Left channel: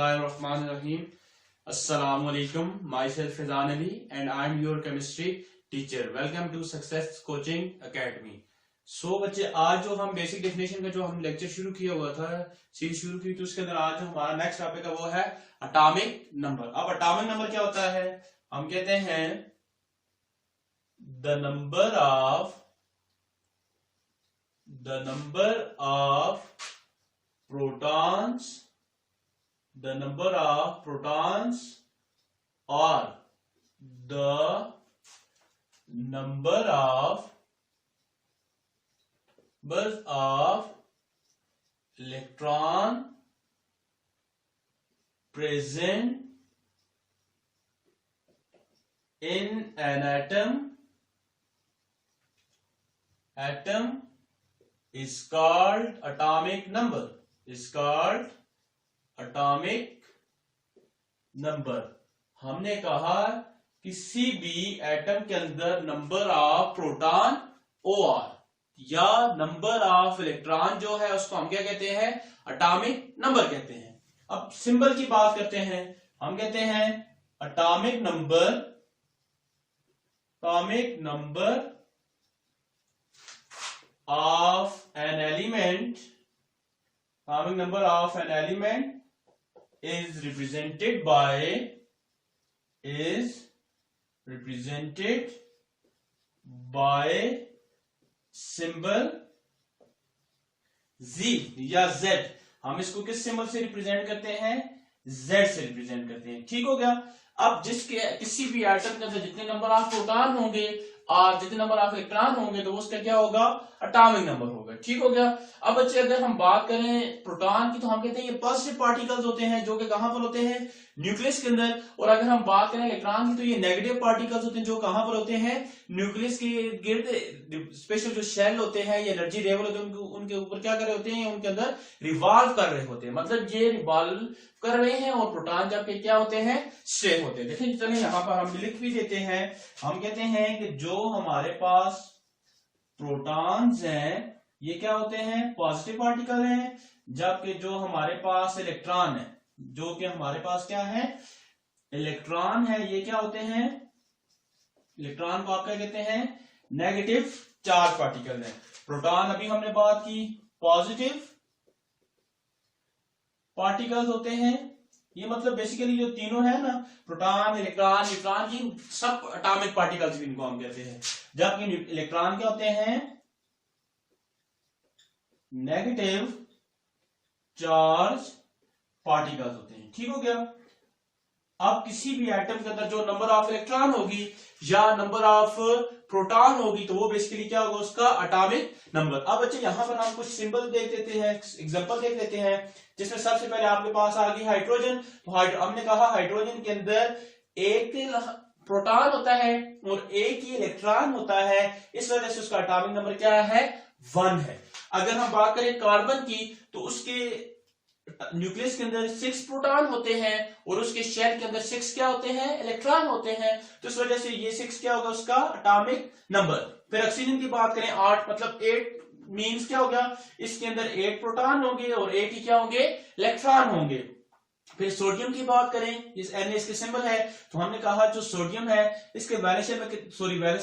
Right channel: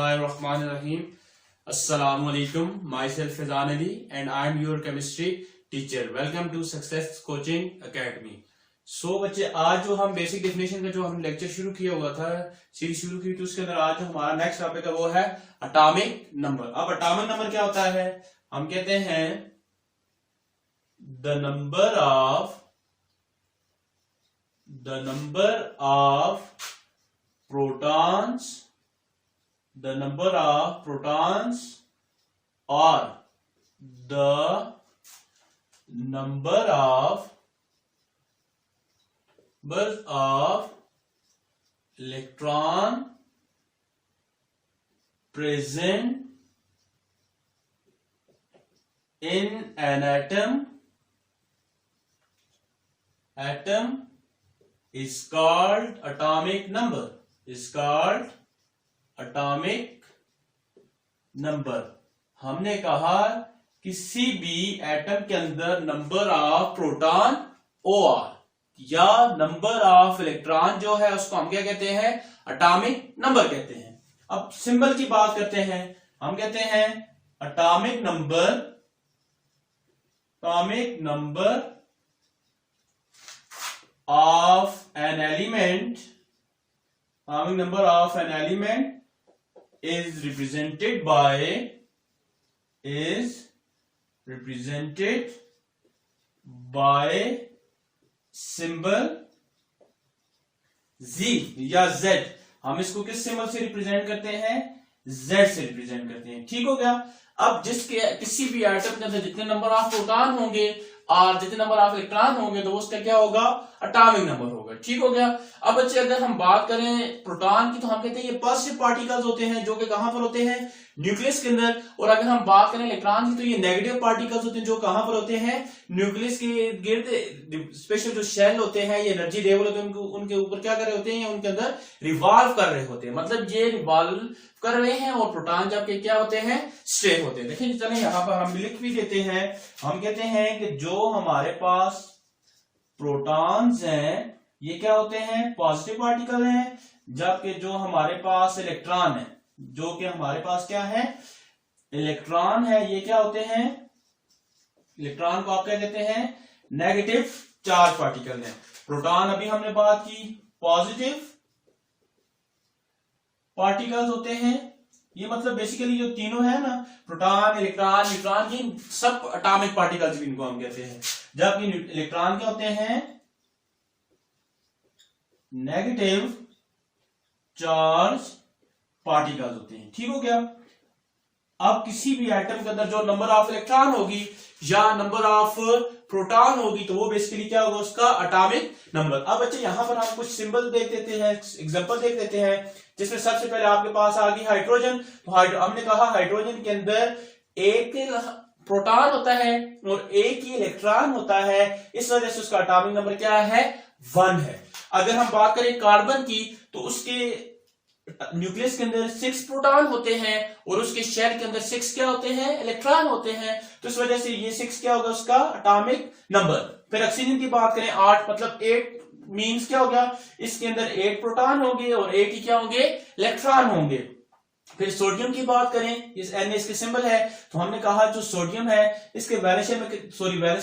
Bismillahirrahmanirrahim. Assalamu alaikum. Myself Fazan Ali and I am your chemistry teacher. Welcome to Success Coaching Academy. So बच्चे आज जो हम basic definition का जो हम लेक्चर शुरू किया हुआ था, सीरीज शुरू की, तो उसके अंदर आज जो हमारा नेक्स्ट टॉपिक है वो है एटॉमिक नंबर। अब एटॉमिक नंबर क्या होता है? हम कहते हैं the number of protons, the number of protons or the number of electron present in an atom is called atomic number. हमने कहा किसी भी एटम के अंदर नंबर ऑफ प्रोटॉन और या नंबर ऑफ इलेक्ट्रॉन जो है उसको हम क्या कहते हैं? एटॉमिक नंबर कहते हैं। अब सिंबल की बात करते हैं। हम कहते हैं atomic number of an element is represented by symbol Z या Z। हम इसको किस सिंबल से रिप्रेजेंट करते हैं? Z से रिप्रेजेंट करते हैं। ठीक हो गया। अब किसी भी एटम के अंदर जितने नंबर ऑफ प्रोटॉन होंगे और जितने नंबर ऑफ इलेक्ट्रॉन होंगे तो उसका क्या होगा? एटॉमिक नंबर होगा। ठीक हो गया। अब बच्चे अगर हम बात करें प्रोटॉन की तो हम कहते हैं ये पॉजिटिव पार्टिकल्स होते हैं जो कि कहां पर होते हैं? न्यूक्लियस के अंदर। और अगर हम बात करें इलेक्ट्रॉन की तो ये नेगेटिव पार्टिकल्स होते हैं जो कहां पर होते हैं? न्यूक्लियस के गिर्द स्पेशल जो शेल होते हैं, ये एनर्जी लेवल होते हैं, उनके ऊपर क्या कर रहे होते हैं? उनके अंदर रिवॉल्व कर रहे होते हैं। मतलब ये रिवॉल्व कर रहे हैं और प्रोटॉन जबकि क्या होते हैं? स्टे होते हैं। देखिए चलें यहां पर हम लिख भी देते हैं। हम कहते हैं कि जो हमारे पास प्रोटॉन्स हैं ये क्या होते हैं? पॉजिटिव पार्टिकल हैं, जबकि जो हमारे पास इलेक्ट्रॉन है, जो कि हमारे पास क्या है? इलेक्ट्रॉन है, ये क्या होते हैं? इलेक्ट्रॉन को आप क्या कहते हैं? नेगेटिव चार्ज पार्टिकल है। प्रोटॉन अभी हमने बात की पॉजिटिव पार्टिकल्स होते हैं। ये मतलब बेसिकली जो तीनों है ना, प्रोटॉन, इलेक्ट्रॉन, न्यूट्रॉन, ये सब एटॉमिक पार्टिकल्स इनको हम कहते हैं। जबकि इलेक्ट्रॉन क्या होते हैं? नेगेटिव चार्ज पार्टिकल्स होते हैं। ठीक हो गया। अब किसी भी एटम के अंदर जो नंबर ऑफ इलेक्ट्रॉन होगी या नंबर ऑफ प्रोटॉन होगी तो वो बेसिकली क्या होगा? उसका एटॉमिक नंबर। अब बच्चे यहां पर हम कुछ सिंबल देख देते हैं, एग्जांपल देख लेते हैं, जिसमें सबसे पहले आपके पास आ गई हाइड्रोजन। तो हमने कहा हाइड्रोजन के अंदर एक प्रोटॉन होता है और एक ही इलेक्ट्रॉन होता है, इस वजह से उसका एटॉमिक नंबर क्या है? 1 है। अगर हम बात करें कार्बन की तो उसके न्यूक्लियस के अंदर 6 प्रोटॉन होते हैं और उसके शेल के अंदर 6 क्या होते हैं? इलेक्ट्रॉन होते हैं। तो इस वजह से ये 6 क्या होगा? उसका एटॉमिक नंबर। फिर ऑक्सीजन की बात करें 8, मतलब 8 मींस क्या हो गया? इसके अंदर 8 प्रोटॉन होंगे और 8 ही क्या होंगे? इलेक्ट्रॉन होंगे। फिर सोडियम की बात करें, इस एन इसके सिंबल है, तो हमने कहा जो सोडियम है इसके वैलेंस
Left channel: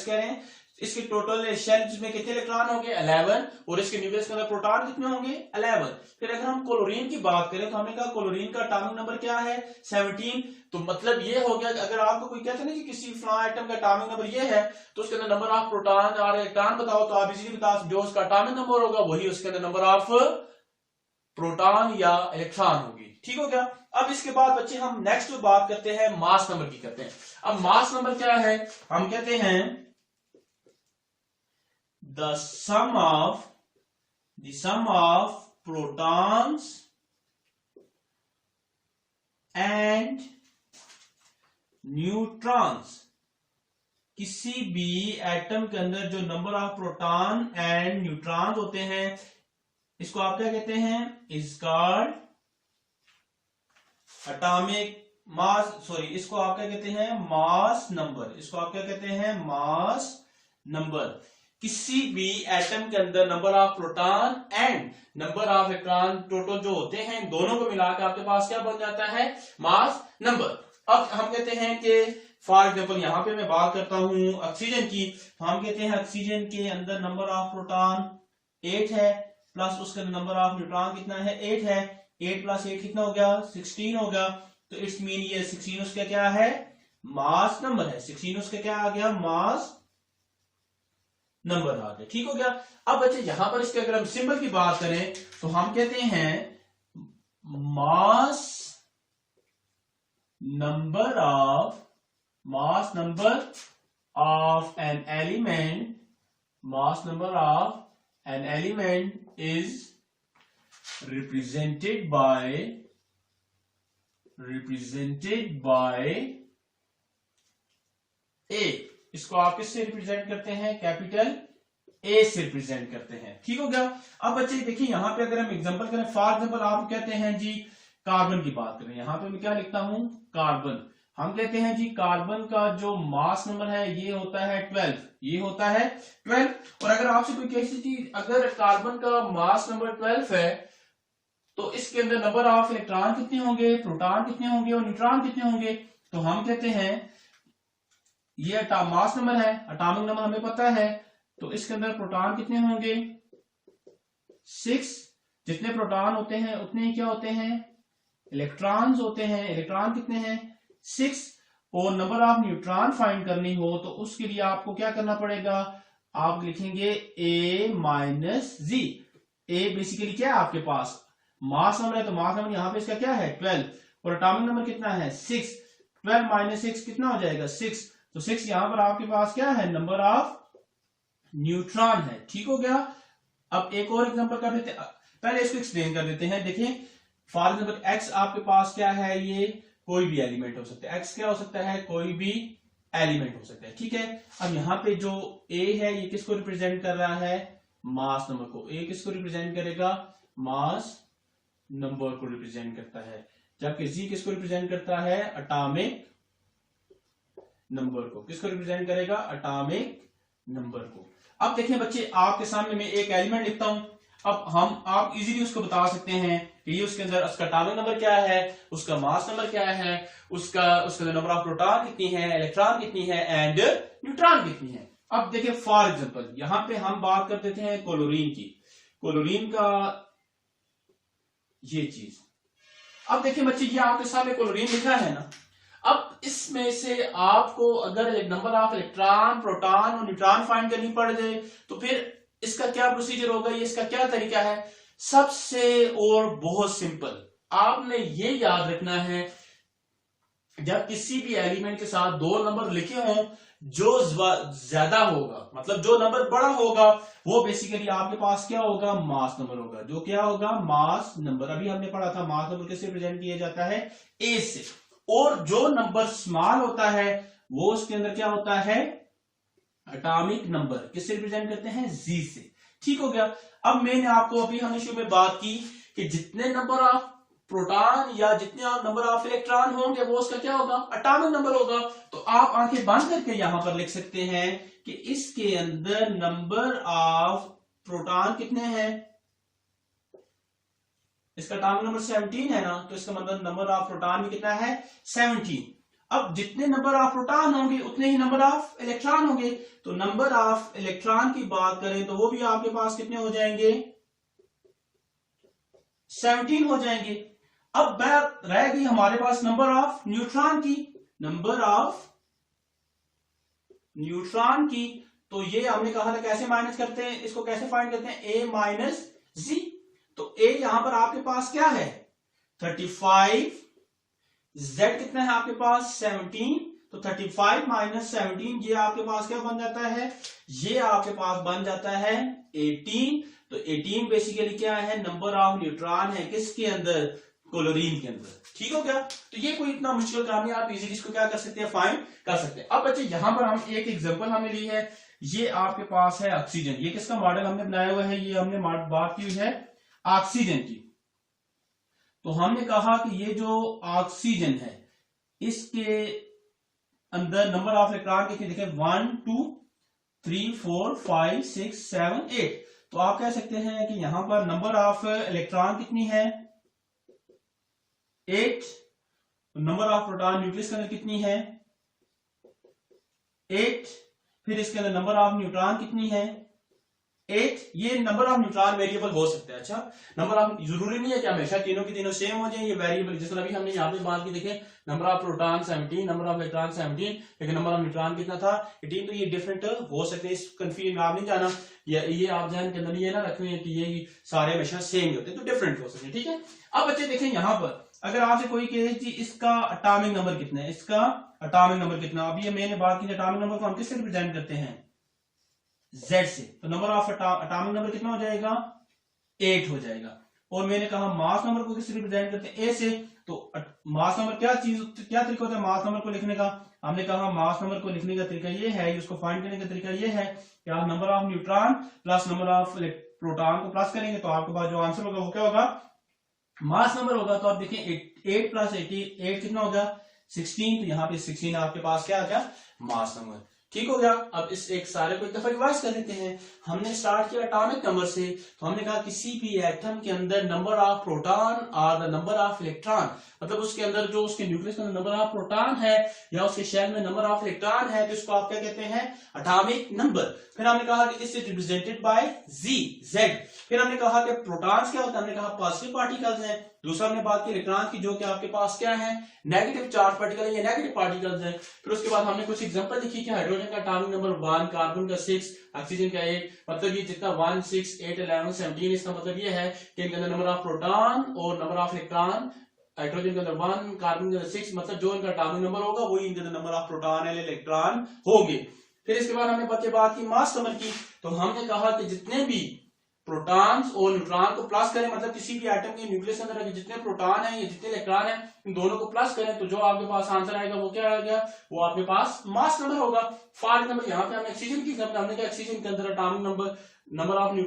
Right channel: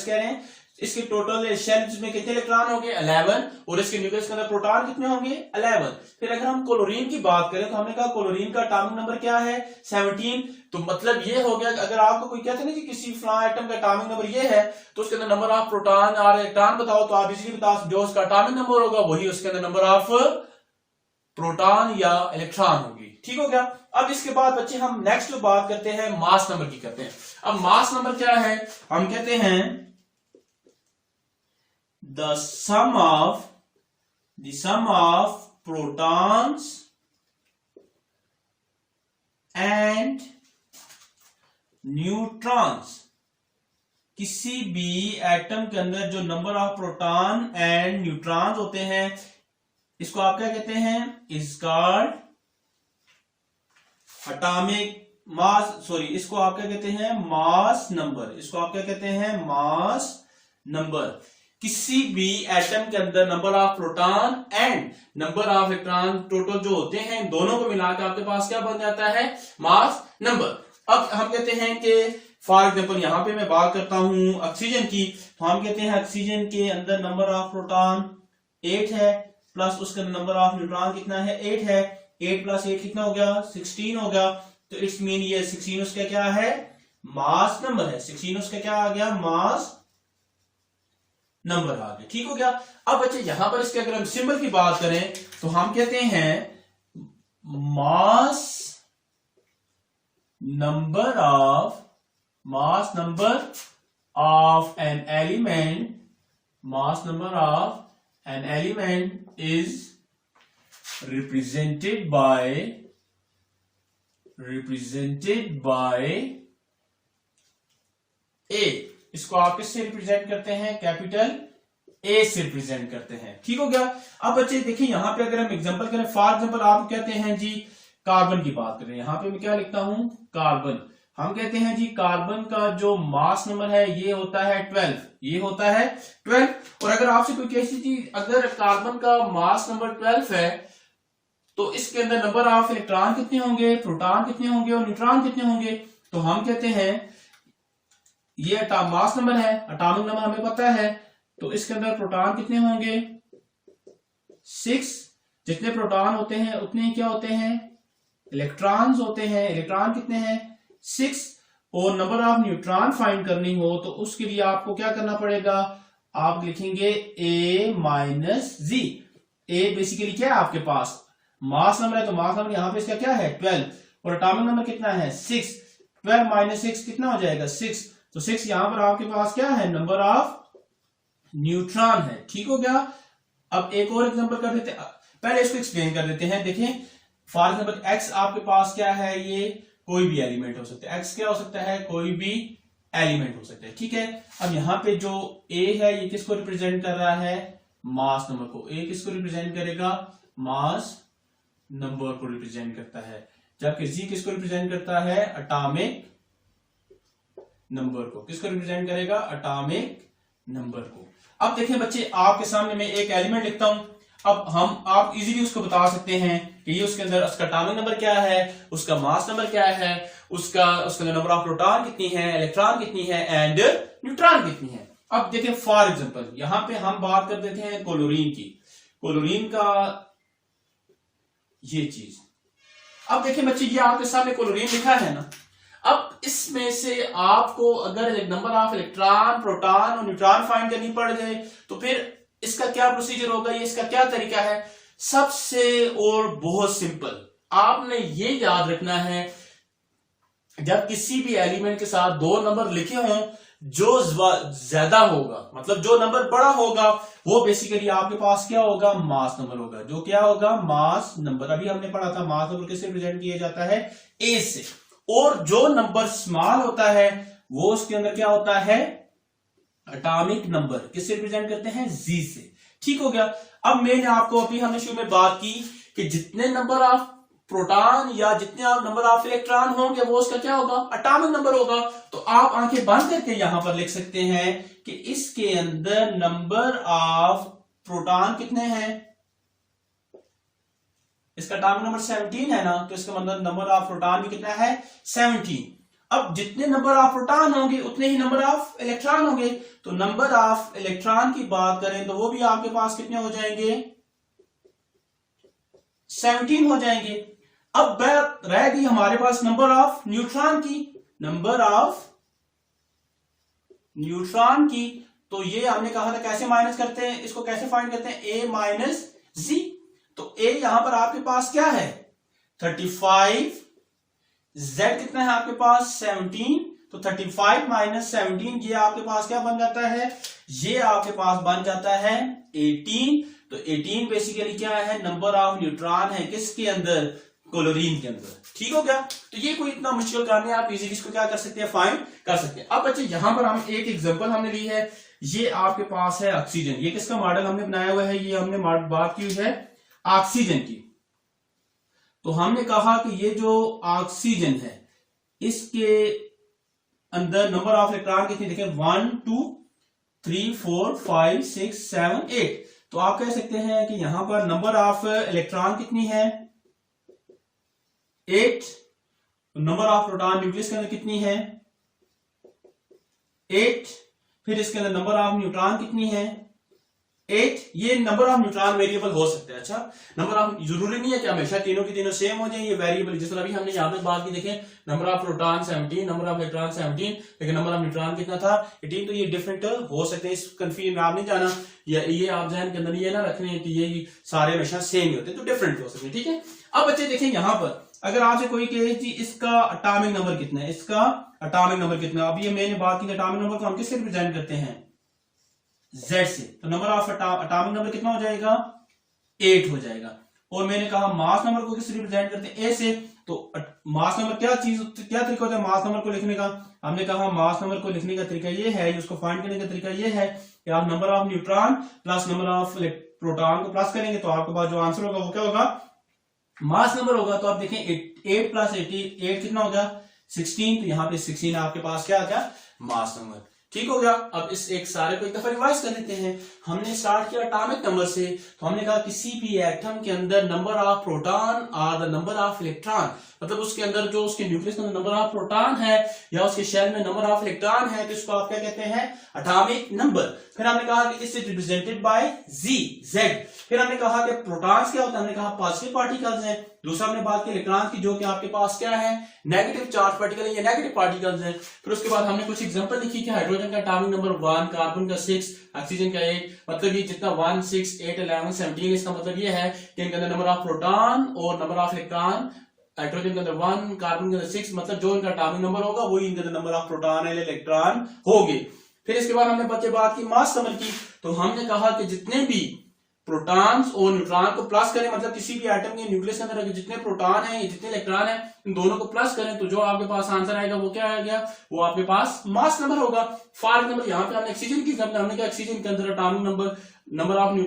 कह रहे हैं, इसके टोटल शेल में कितने इलेक्ट्रॉन होंगे? 11। और इसके न्यूक्लियस के अंदर प्रोटॉन कितने होंगे? 11। फिर अगर हम क्लोरीन की बात करें तो हमने कहा क्लोरीन का एटॉमिक नंबर क्या है? 17। तो मतलब ये हो गया कि अगर आपको कोई कहते हैं ना कि किसी फलां एटम का एटॉमिक नंबर ये है तो उसके अंदर नंबर ऑफ प्रोटॉन और इलेक्ट्रॉन बताओ, तो आप इजीली बता जो उसका एटॉमिक नंबर होगा वही उसके अंदर नंबर ऑफ प्रोटॉन या इलेक्ट्रॉन होगी। ठीक हो गया। अब इसके बाद बच्चे हम नेक्स्ट बात करते हैं मास नंबर की करते हैं। अब मास नंबर क्या है? हम कहते हैं the sum of protons and neutrons। किसी भी एटम के अंदर जो number of proton and neutrons होते हैं इसको आप क्या कहते हैं? इज कॉल्ड एटॉमिक मास, इसको आप क्या कहते हैं? Mass number. इसको आप क्या कहते हैं? Mass number. किसी भी एटम के अंदर number of proton and number of electron total जो होते हैं दोनों को मिलाकर आपके पास क्या बन जाता है, मास नंबर। अब हम कहते हैं कि फॉर एग्जांपल यहां पे मैं बात करता हूं ऑक्सीजन की, तो हम कहते हैं ऑक्सीजन के अंदर नंबर ऑफ प्रोटॉन 8 है, प्लस उसका नंबर ऑफ न्यूट्रॉन कितना है, 8 है। 8 प्लस 8 कितना हो गया, 16 हो गया। तो इट्स मीन ये 16 उसका क्या है, मास नंबर है। 16 उसका क्या आ गया, मास नंबर आ गया। ठीक हो गया। अब बच्चे यहां पर इसके अगर हम सिंबल की बात करें तो हम कहते हैं mass number of an element, mass number of an element is represented by A। इसको आप किससे रिप्रेजेंट करते हैं, कैपिटल A से रिप्रेजेंट करते हैं। ठीक हो गया। अब बच्चे देखिए यहां पे अगर हम एग्जांपल करें, फॉर एग्जांपल आप कहते हैं जी कार्बन की बात करें, यहां पे मैं क्या लिखता हूं, कार्बन। हम कहते हैं जी कार्बन का जो मास नंबर है ये होता है 12, ये होता है 12। और अगर आपसे कोई कैसी चीज, अगर कार्बन का मास नंबर 12 है तो इसके अंदर नंबर ऑफ इलेक्ट्रॉन कितने होंगे, प्रोटॉन कितने होंगे और न्यूट्रॉन कितने होंगे। तो हम कहते हैं ये मास नंबर है, एटॉमिक नंबर हमें पता है, तो इसके अंदर प्रोटॉन कितने होंगे, 6। जितने प्रोटॉन होते हैं उतने ही क्या होते हैं, इलेक्ट्रॉन्स होते हैं। इलेक्ट्रॉन कितने हैं, 6। और नंबर ऑफ न्यूट्रॉन फाइंड करनी हो तो उसके लिए आपको क्या करना पड़ेगा, आप लिखेंगे A minus G. A basically क्या है आपके पास, मास नंबर है, तो मास नंबर यहां पे इसका क्या है 12, और एटॉमिक नंबर कितना है 6। 12 माइनस 6 कितना हो जाएगा 6। तो 6 यहां पर आपके पास क्या है, नंबर ऑफ न्यूट्रॉन है। ठीक हो गया। अब एक और एग्जांपल कर देते हैं, पहले इसको एक्सप्लेन कर देते हैं। देखिए फॉर एग्जांपल एक्स आपके पास क्या है, ये कोई भी एलिमेंट हो सकता है। एक्स क्या हो सकता है, कोई भी एलिमेंट हो सकता है। ठीक है। अब यहाँ पे जो ए है ये किसको रिप्रेजेंट कर रहा है, मास नंबर को। ए किसको रिप्रेजेंट करेगा, मास नंबर को रिप्रेजेंट करता है। जबकि जी किसको रिप्रेजेंट करता है, एटॉमिक नंबर को। किसको रिप्रेजेंट करेगा, एटॉमिक नंबर को। अब देखिए बच्चे आपके सामने मैं एक एलिमेंट लिखता हूं। अब आप इजीली उसको बता सकते हैं कि ये उसके अंदर उसका एटॉमिक नंबर क्या है, उसका मास नंबर क्या है, उसका नंबर ऑफ प्रोटॉन कितनी है, इलेक्ट्रॉन कितनी है एंड न्यूट्रॉन कितनी है। अब देखिए फॉर एग्जांपल यहां पे हम बात कर देते हैं क्लोरीन की। क्लोरीन का ये चीज, अब देखिए बच्चे ये आपके सामने क्लोरीन लिखा है ना। अब इसमें से आपको अगर नंबर ऑफ इलेक्ट्रॉन, प्रोटॉन और न्यूट्रॉन फाइंड करनी पड़ जाए तो फिर इसका क्या प्रोसीजर होगा, ये इसका क्या तरीका है। सबसे और बहुत सिंपल, आपने ये याद रखना है जब किसी भी एलिमेंट के साथ दो नंबर लिखे हों, जो ज्यादा होगा मतलब जो नंबर बड़ा होगा वो बेसिकली आपके पास क्या होगा, मास नंबर होगा। जो क्या होगा, मास नंबर। अभी हमने पढ़ा था मास नंबर किससे प्रेजेंट किया जाता है, ए से। और जो नंबर स्मॉल होता है वो उसके अंदर क्या होता है, एटॉमिक नंबर। किससे रिप्रेजेंट करते हैं, जी से। ठीक हो गया। अब मैंने आपको अभी हमने शुरू में बात की कि जितने नंबर ऑफ प्रोटॉन या जितने नंबर ऑफ इलेक्ट्रॉन होंगे वो उसका क्या होगा, एटॉमिक नंबर होगा। तो आप आंखें बंद करके यहां पर लिख सकते हैं कि इसके अंदर नंबर ऑफ प्रोटॉन कितने हैं, इसका एटॉमिक नंबर 17 है ना, तो इसका मतलब नंबर ऑफ प्रोटॉन भी कितना है, 17। अब जितने नंबर ऑफ प्रोटॉन होंगे उतने ही नंबर ऑफ इलेक्ट्रॉन होंगे। तो नंबर ऑफ इलेक्ट्रॉन की बात करें तो वो भी आपके पास कितने हो जाएंगे, 17 हो जाएंगे। अब बात रह गई हमारे पास नंबर ऑफ न्यूट्रॉन की। नंबर ऑफ न्यूट्रॉन की तो ये हमने कहा था कैसे माइनस करते हैं, इसको कैसे फाइंड करते हैं, ए माइनस जी। तो ए यहां पर आपके पास क्या है, 35, जेड कितना है आपके पास 17, तो 35 माइनस 17 ये आपके पास क्या बन जाता है, ये आपके पास बन जाता है 18। तो 18 बेसिकली क्या है, नंबर ऑफ न्यूट्रॉन है किसके अंदर, क्लोरीन के अंदर। ठीक हो गया। तो ये कोई इतना मुश्किल काम नहीं, आप इजीली इसको क्या कर सकते हैं, फाइंड कर सकते हैं। अब बच्चे यहां पर हम एक एग्जांपल हमने ली है, ये आपके पास है ऑक्सीजन। ये किसका मॉडल हमने बनाया हुआ है, ये हमने बात की हुई है ऑक्सीजन की। तो हमने कहा कि ये जो ऑक्सीजन है इसके अंदर नंबर ऑफ इलेक्ट्रॉन कितने, देखिए 1 2 3 4 5 6 7 8। तो आप कह सकते हैं कि यहां पर नंबर ऑफ इलेक्ट्रॉन कितनी है 8, नंबर ऑफ प्रोटॉन न्यूक्लियस के अंदर कितनी है 8, फिर इसके अंदर नंबर ऑफ न्यूट्रॉन कितनी है 8। ये नंबर ऑफ न्यूट्रॉन वेरिएबल हो सकते हैं। अच्छा, नंबर ऑफ जरूरी नहीं है कि हमेशा तीनों की तीनों सेम हो जाए, ये वेरिएबल जिस तरह भी हमने यहाँ पे बात की देखें, number of proton 17, number of electron 17, लेकिन नंबर ऑफ न्यूट्रॉन कितना था 18। तो ये डिफरेंट हो सकते हैं, इस कंफ्यूजन में आप नहीं जाना, ये आप जहन के अंदर ये ना रखने कि ये सारे हमेशा सेम होते हैं, तो डिफरेंट हो सकते हैं। ठीक है, अब बच्चे देखें यहाँ पर अगर आपसे कोई कहे कि इसका एटॉमिक नंबर कितना है, इसका एटॉमिक नंबर कितना, अभी मैंने बात की एटॉमिक नंबर को हम किससे रिप्रेजेंट करते हैं Z से, तो नंबर ऑफ एटॉमिक नंबर कितना हो जाएगा 8 हो जाएगा। और मैंने कहा मास नंबर को किससे रिप्रेजेंट करते हैं A से, तो मास नंबर क्या तरीका होता है मास नंबर को लिखने का, हमने कहा मास नंबर को लिखने का तरीका ये है, उसको फाइंड करने का तरीका ये है कि आप number of neutron plus number of proton को प्लस करेंगे तो आपके पास जो आंसर होगा वो क्या होगा मास नंबर होगा। तो आप देखें 8 प्लस 8 कितना होगा 16, तो यहाँ पे 16 आपके पास क्या आ गया मास नंबर। ठीक हो गया। अब इस एक सारे को एक दफा रिवाइज कर लेते हैं। हमने स्टार्ट किया एटॉमिक नंबर से, तो हमने कहा किसी भी एटम के अंदर नंबर ऑफ प्रोटॉन और द नंबर ऑफ इलेक्ट्रॉन, मतलब उसके अंदर जो उसके न्यूक्लियस के अंदर नंबर ऑफ प्रोटॉन है या उसके शेल में नंबर ऑफ इलेक्ट्रॉन है, तो इसको आप क्या कहते हैं एटॉमिक नंबर। फिर हमने कहा कि इस रिप्रेजेंटेड बाय Z। फिर हमने कहा कि प्रोटॉन्स क्या होता है, हमने कहा पॉजिटिव पार्टिकल्स हैं। दूसरा हमने बात की इलेक्ट्रॉन की, जो कि आपके पास क्या है नेगेटिव चार्ज पार्टिकल या नेगेटिव पार्टिकल्स हैं। फिर उसके बाद हमने कुछ एग्जांपल लिखी कि हाइड्रोजन का एटॉमिक नंबर 1, कार्बन का 6, ऑक्सीजन का 8, मतलब ये जितना 1 6 8 11 17, इसका मतलब ये है कि इनके अंदर नंबर ऑफ प्रोटॉन और नंबर ऑफ इलेक्ट्रॉन, हाइड्रोजन के अंदर 1, कार्बन के अंदर 6, मतलब जो इनका एटॉमिक नंबर होगा वही इनके अंदर नंबर ऑफ प्रोटॉन या इलेक्ट्रॉन होंगे। फिर इसके बाद हमने बच्चे बात की मास नंबर की, तो हमने कहा कि जितने भी प्रोटॉन्स और न्यूट्रॉन को प्लस करें, मतलब किसी भी एटम के न्यूक्लियस के अंदर जितने प्रोटॉन हैं या जितने इलेक्ट्रॉन हैं इन दोनों को प्लस करें, तो जो आपके पास आंसर आएगा वो क्या आएगा, वो आपके पास मास नंबर होगा। फॉर एग्जांपल यहाँ पे हमने ऑक्सीजन की एग्जांपल, हमने कहा ऑक्सीजन के अंदर एटॉमिक नंबर ऑफ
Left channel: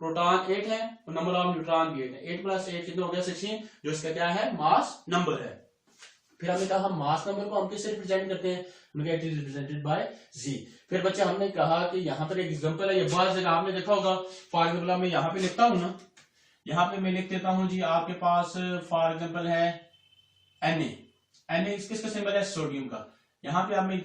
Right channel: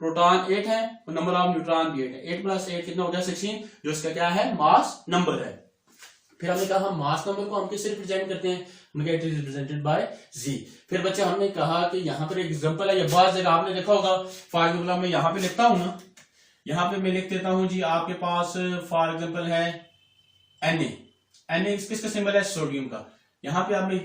प्रोटॉन 8 है और नंबर ऑफ न्यूट्रॉन भी 8 है। 8 प्लस 8 कितना हो गया 16, जो इसका क्या है मास नंबर है। फिर हमने कहा मास नंबर को हम किससे रिप्रेजेंट करते हैं, it is represented by Z। फिर बच्चे हमने कहा कि यहाँ पर एक एग्जांपल है, ये बहुत जगह आपने देखा होगा। फॉर एग्जांपल मैं यहाँ पे लिखता हूँ ना, यहाँ पे मैं लिख देता हूँ जी आपके पास फॉर एग्जांपल है Na किसका सिंबल है सोडियम का। यहाँ पे आप मैं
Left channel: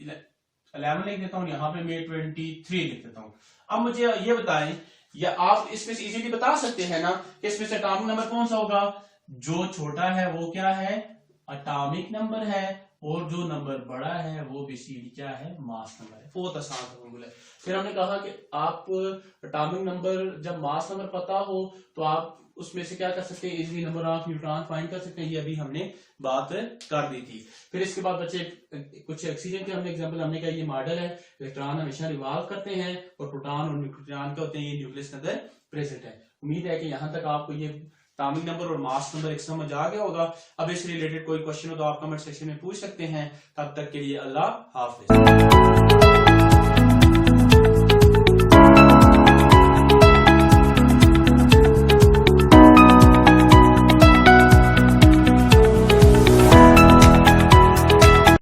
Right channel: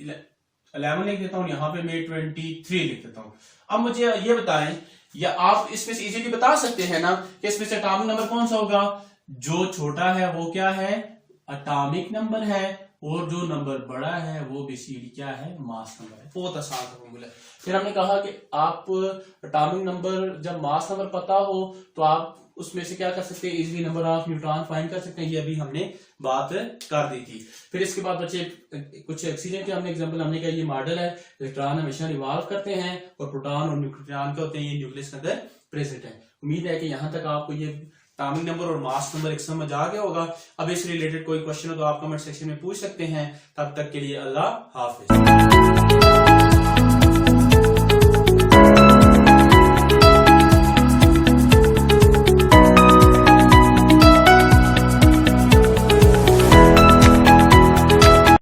11 लिख देता हूँ, यहाँ पे मैं 23 लिख देता हूँ। अब मुझे ये बताएं, या आप इसमें से इजीली बता सकते हैं ना कि इसमें से एटॉमिक नंबर कौन सा होगा, जो छोटा है वो क्या है एटॉमिक नंबर है, और जो नंबर बड़ा है वो बेसिकली क्या है मास नंबर है। बहुत आसान फॉर्मूला है। फिर हमने कहा कि आप एटॉमिक नंबर जब मास नंबर पता हो तो आप उसमें से क्या कर सकते हैं easily number of neutron find कर सकते हैं, ये अभी हमने बात कर दी थी। फिर इसके बाद बच्चे कुछ ऑक्सीजन के हमने एग्जांपल, हमने कहा ये मॉडल है, इलेक्ट्रॉन हमेशा रिवॉल्व करते हैं और प्रोटॉन और न्यूट्रॉन क्या होते हैं ये न्यूक्लियस के अंदर प्रेजेंट है। उम्मीद है कि यहाँ तक आपको ये एटॉमिक नंबर और मास नंबर एक समझ आ गया होगा। अब इस रिलेटेड कोई क्वेश्चन हो तो आप कमेंट सेक्शन में पूछ सकते हैं। तब तक के लिए अल्लाह हाफिज।